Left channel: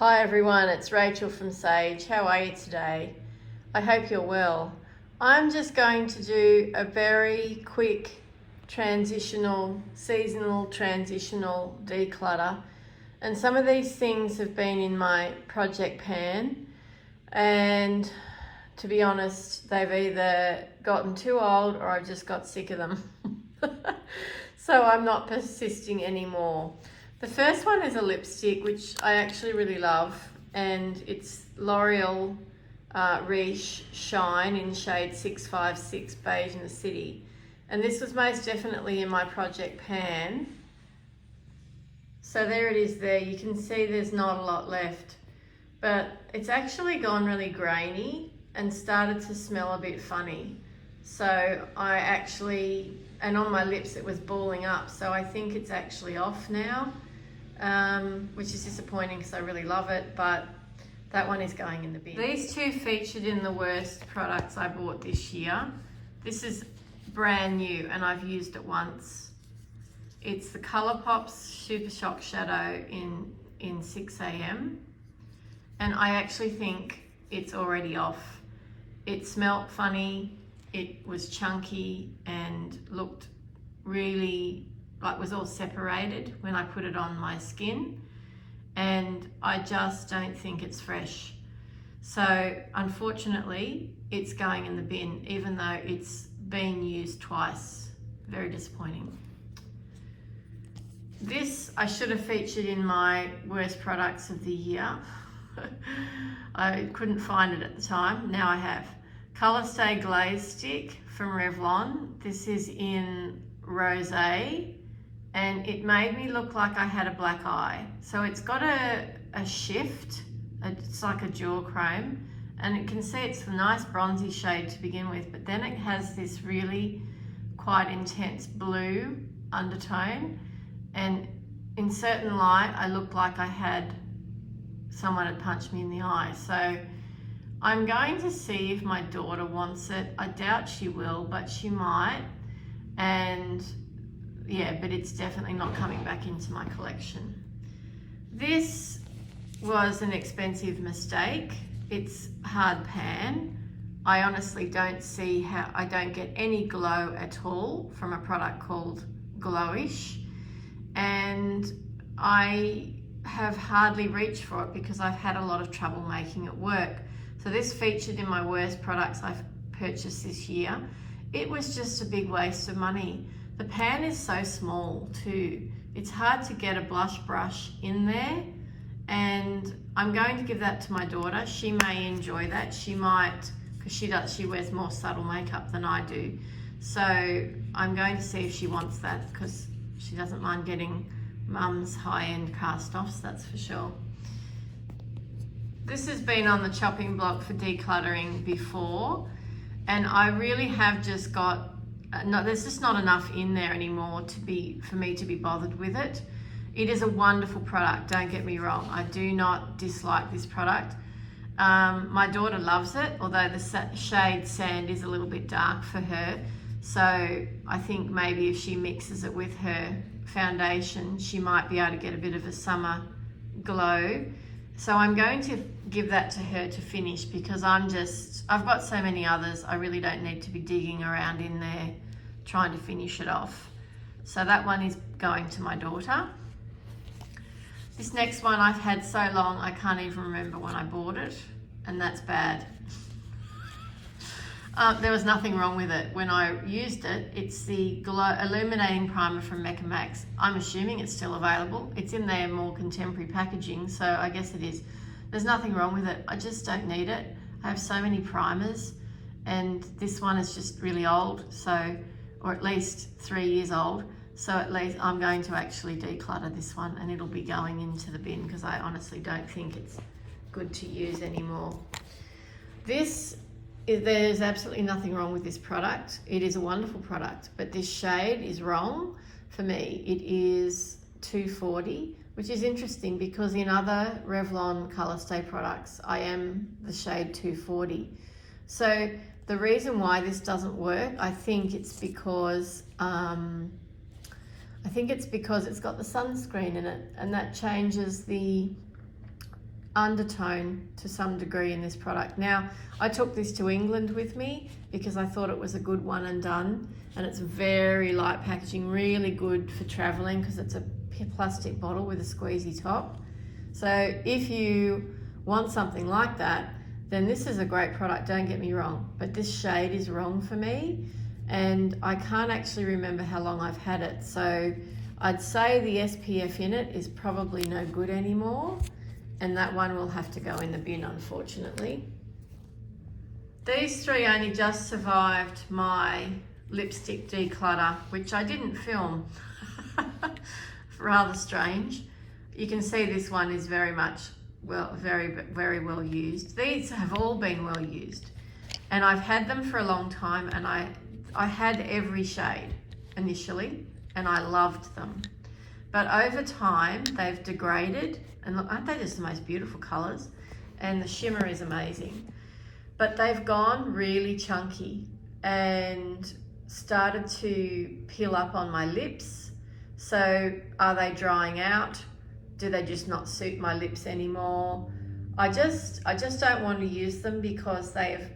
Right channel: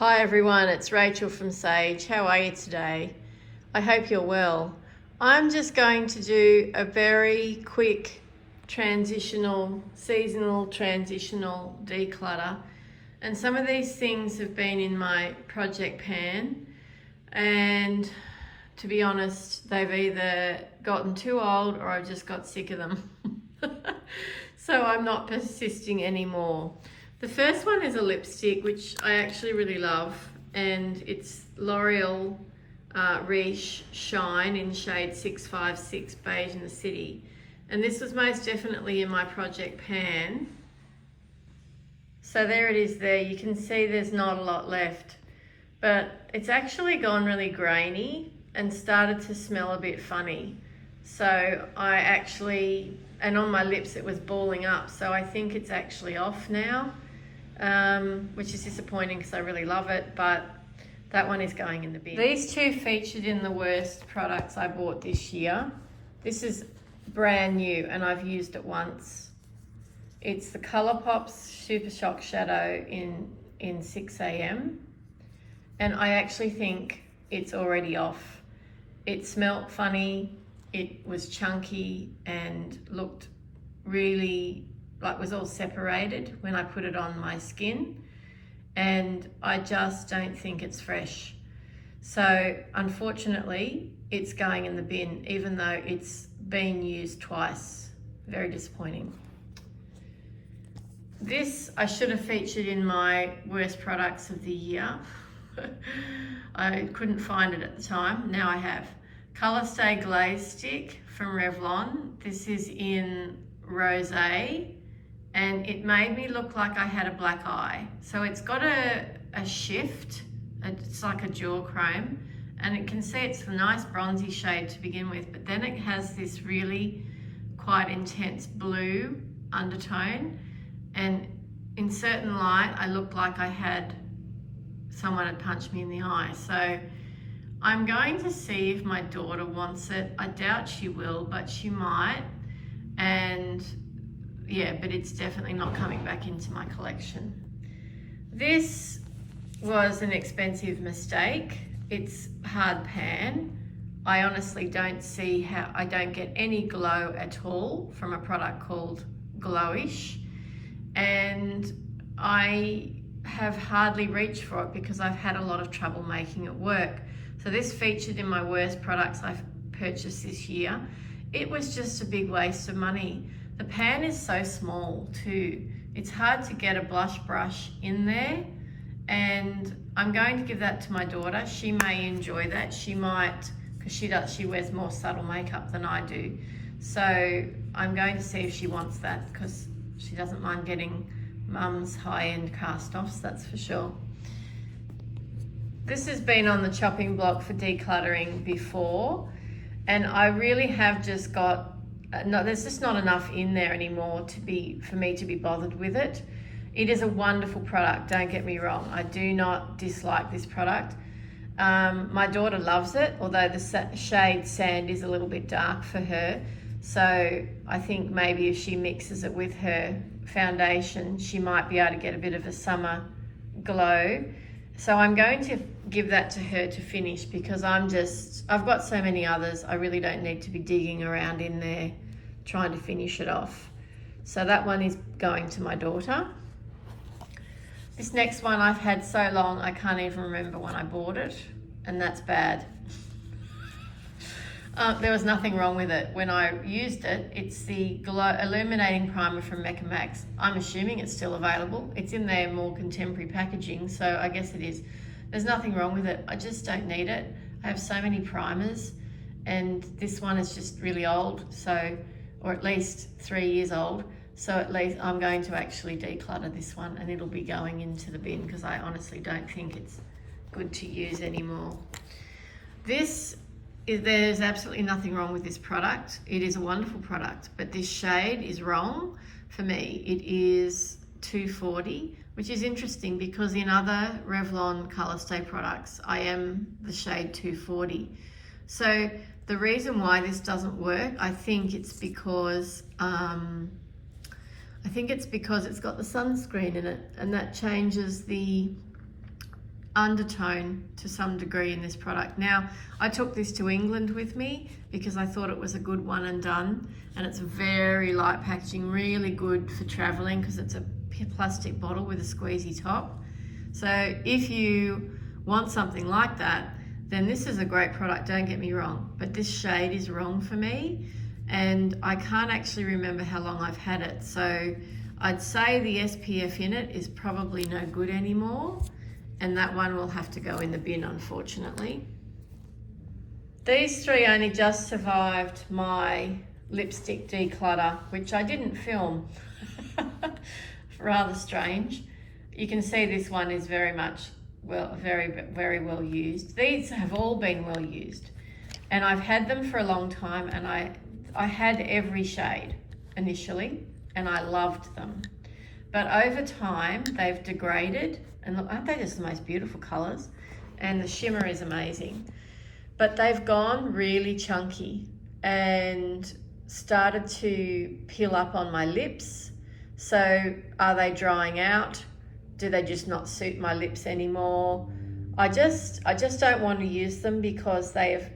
Hi everyone, it's Rachel from Sage. How are you today? I hope you're well. I'm just going to do a very quick seasonal transitional declutter. And some of these things have been in my project pan, and to be honest, they've either gotten too old or I've just got sick of them. So I'm not persisting anymore. The first one is a lipstick, which I actually really love, and it's L'Oreal Riche Shine in shade 656 Beige in the City. And this was most definitely in my project pan. So there it is there. You can see there's not a lot left, but it's actually gone really grainy and started to smell a bit funny. So and on my lips it was balling up, so I think it's actually off now. Which is disappointing because I really love it, but that one is going in the bin. These two featured in the worst products I bought this year. This is brand new and I've used it once. It's the Colourpop's Super Shock Shadow in 6 AM, and I actually think it's already off. It smelt funny, it was chunky and looked really like was all separated when I put it on my skin, and I just don't think it's fresh. So unfortunately it's going in the bin, even though it's been used twice. Very disappointing. This I should have featured in my worst products of the year. I couldn't find it at the time, now I have. Colour Stay Glaze Stick from Revlon. This is in Rosé, and it made me look like I had a black eye. So it's got a shift, it's like a jewel chrome, and you can see it's a nice bronzy shade to begin with, but then it has this really quite intense blue undertone, and in certain light I looked like someone had punched me in the eye. So I'm going to see if my daughter wants it. I doubt she will, but she might. And yeah, but it's definitely not coming back into my collection. This was an expensive mistake. It's hard pan. I honestly don't see how I don't get any glow at all from a product called Glowish, and I have hardly reached for it because I've had a lot of trouble making it work. So this featured in my worst products I've purchased this year. It was just a big waste of money. The pan is so small too. It's hard to get a blush brush in there, and I'm going to give that to my daughter. She may enjoy that. She might, because she wears more subtle makeup than I do. So I'm going to see if she wants that, because she doesn't mind getting mum's high-end cast-offs, that's for sure. This has been on the chopping block for decluttering before, and I really have just got, there's just not enough in there anymore for me to be bothered with it. It is a wonderful product, don't get me wrong. I do not dislike this product. My daughter loves it, although the shade Sand is a little bit dark for her. So I think maybe if she mixes it with her foundation, she might be able to get a bit of a summer glow. So I'm going to give that to her to finish, because I've got so many others, I really don't need to be digging around in there trying to finish it off. So that one is going to my daughter. This next one I've had so long I can't even remember when I bought it, and that's bad. There was nothing wrong with it when I used it. It's the Illuminating Primer from Mecca Max. I'm assuming it's still available. It's in their more contemporary packaging, so I guess it is. There's nothing wrong with it. I just don't need it. I have so many primers, and this one is just really old, or at least 3 years old. So at least I'm going to actually declutter this one, and it'll be going into the bin because I honestly don't think it's good to use anymore. There's absolutely nothing wrong with this product. It is a wonderful product, but this shade is wrong for me. It is 240, which is interesting because in other Revlon Colour Stay products, I am the shade 240. So the reason why this doesn't work, I think it's because it's got the sunscreen in it, and that changes the undertone to some degree in this product. Now, I took this to England with me because I thought it was a good one and done, and it's very light packaging, really good for traveling because it's a plastic bottle with a squeezy top. So if you want something like that, then this is a great product, don't get me wrong, but this shade is wrong for me, and I can't actually remember how long I've had it. So I'd say the SPF in it is probably no good anymore, and that one will have to go in the bin, unfortunately. These three only just survived my lipstick declutter, which I didn't film. Rather strange. You can see this one is very much, well, very well used. These have all been well used, and I've had them for a long time, and I had every shade initially, and I loved them. But over time, they've degraded, and look, aren't they just the most beautiful colors? And the shimmer is amazing. But they've gone really chunky and started to peel up on my lips. So are they drying out? Do they just not suit my lips anymore? I just don't want to use them because I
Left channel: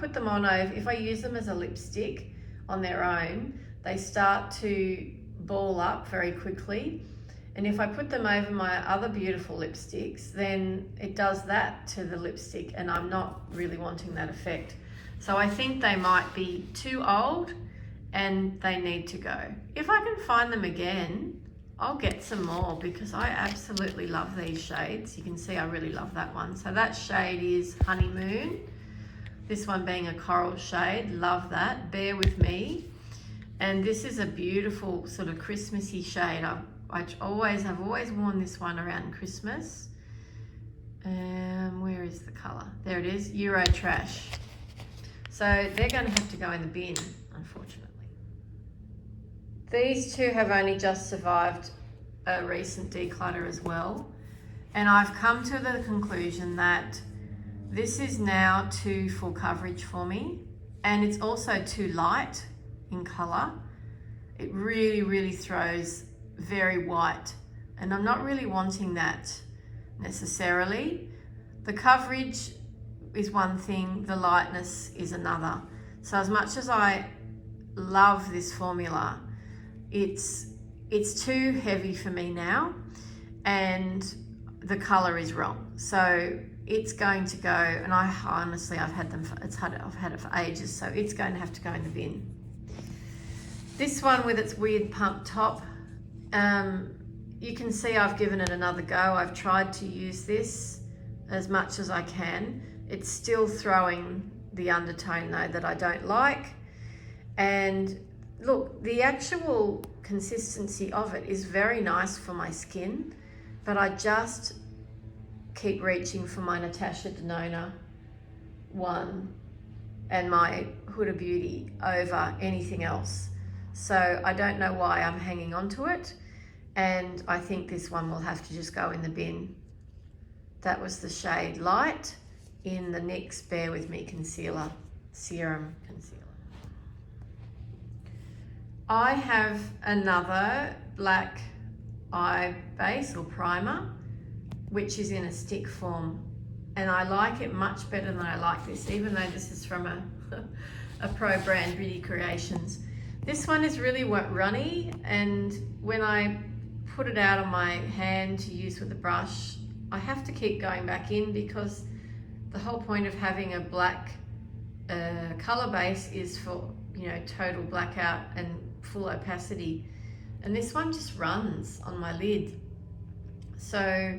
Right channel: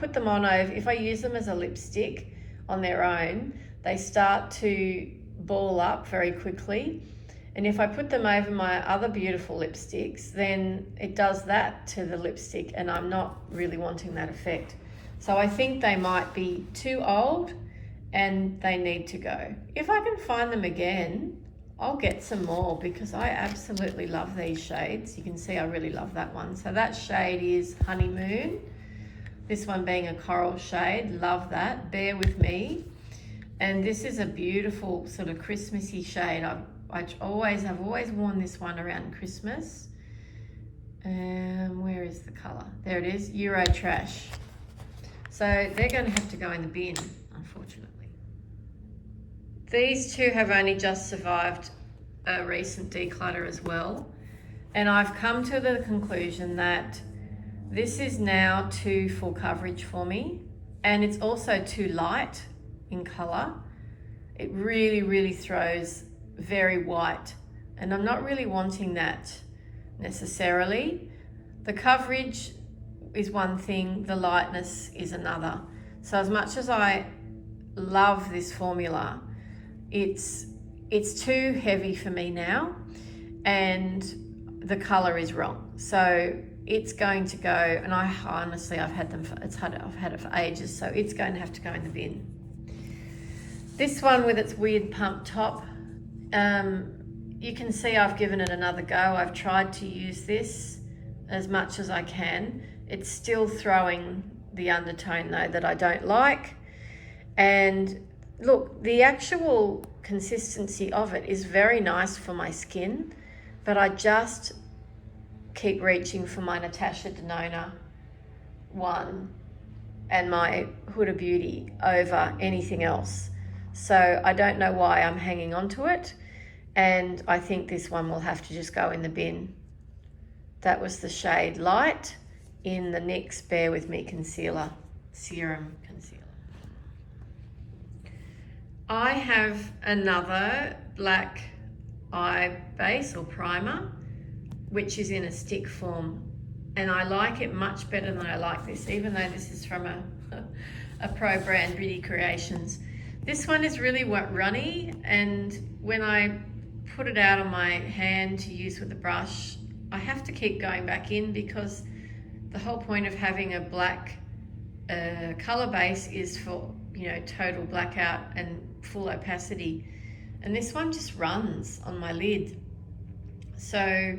put them on over, if I use them as a lipstick on their own, they start to ball up very quickly. And if I put them over my other beautiful lipsticks, then it does that to the lipstick, and I'm not really wanting that effect. So I think they might be too old and they need to go. If I can find them again, I'll get some more because I absolutely love these shades. You can see I really love that one. So that shade is Honeymoon. This one being a coral shade, love that. Bear With Me. And this is a beautiful sort of Christmassy shade. I've always worn this one around Christmas. Where is the color? There it is, Euro Trash. So they're going to have to go in the bin, unfortunately. These two have only just survived a recent declutter as well. And I've come to the conclusion that this is now too full coverage for me. And it's also too light in color. It really throws very white, and I'm not really wanting that necessarily. The coverage is one thing, the lightness is another. So as much as I love this formula, it's too heavy for me now, and the color is wrong. So it's going to go, and honestly, I've had it for ages, so it's going to have to go in the bin. This one with its weird pump top, you can see I've given it another go. I've tried to use this as much as I can. It's still throwing the undertone though that I don't like. And look, the actual consistency of it is very nice for my skin, but I just keep reaching for my Natasha Denona one and my Huda Beauty over anything else. So I don't know why I'm hanging on to it, and I think this one will have to just go in the bin. That was the shade Light in the NYX Bear With Me Concealer, Serum Concealer. I have another black eye base or primer, which is in a stick form, and I like it much better than I like this, even though this is from a pro brand, Beauty Creations. This one is really runny, and when I put it out on my hand to use with a brush, I have to keep going back in because the whole point of having a black color base is for, you know, total blackout and full opacity. And this one just runs on my lid. So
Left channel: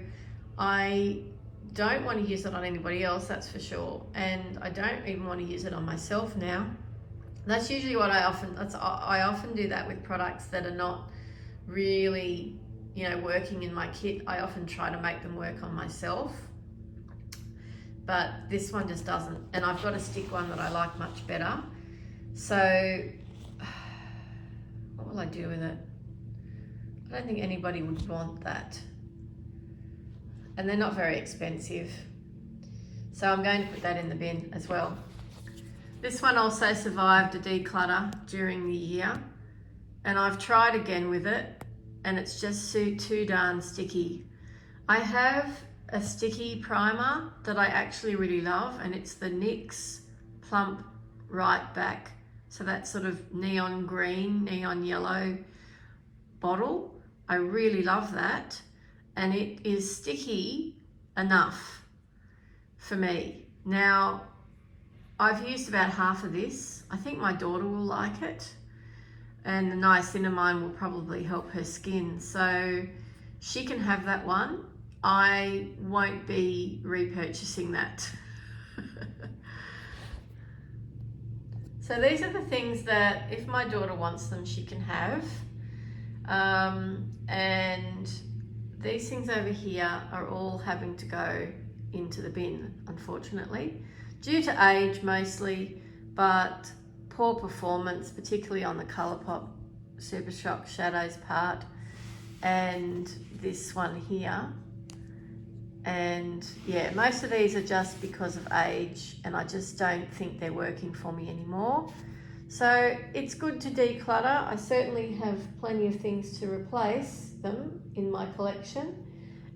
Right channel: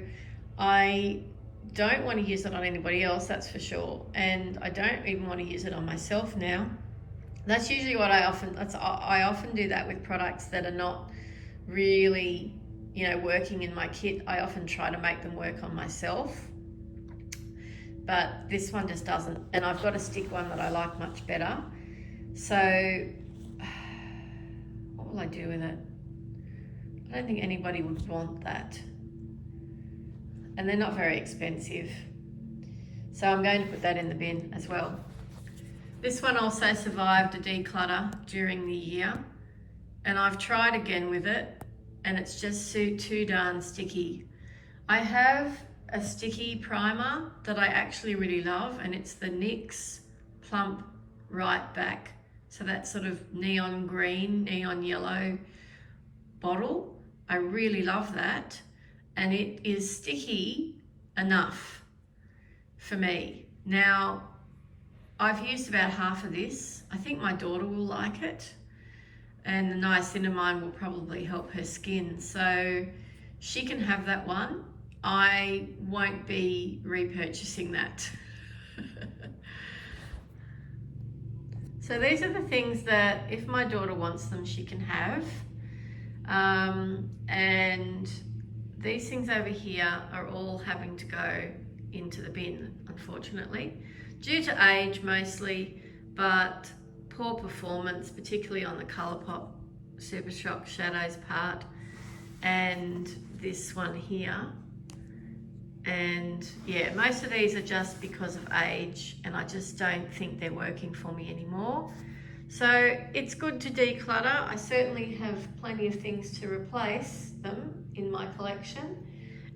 I don't want to use it on anybody else, that's for sure. And I don't even want to use it on myself now. That's usually what I often do that with products that are not really, you know, working in my kit. I often try to make them work on myself, but this one just doesn't. And I've got a stick one that I like much better. So what will I do with it? I don't think anybody would want that. And they're not very expensive. So I'm going to put that in the bin as well. This one also survived a declutter during the year, and I've tried again with it, and it's just too darn sticky. I have a sticky primer that I actually really love, and it's the NYX Plump Right Back. So that's sort of neon green, neon yellow bottle. I really love that, and it is sticky enough for me. Now, I've used about half of this. I think my daughter will like it, and the niacinamide will probably help her skin, so she can have that one. I won't be repurchasing that. So these are the things that if my daughter wants them, she can have. And these things over here are all having to go into the bin, unfortunately, due to age mostly, but poor performance, particularly on the Colourpop Super Shop Shadows part, and this one here. And yeah, most of these are just because of age, and I just don't think they're working for me anymore. So it's good to declutter. I certainly have plenty of things to replace them in my collection,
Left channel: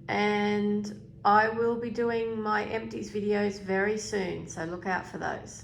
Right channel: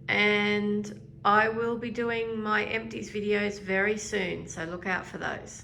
and I will be doing my empties videos very soon, so look out for those.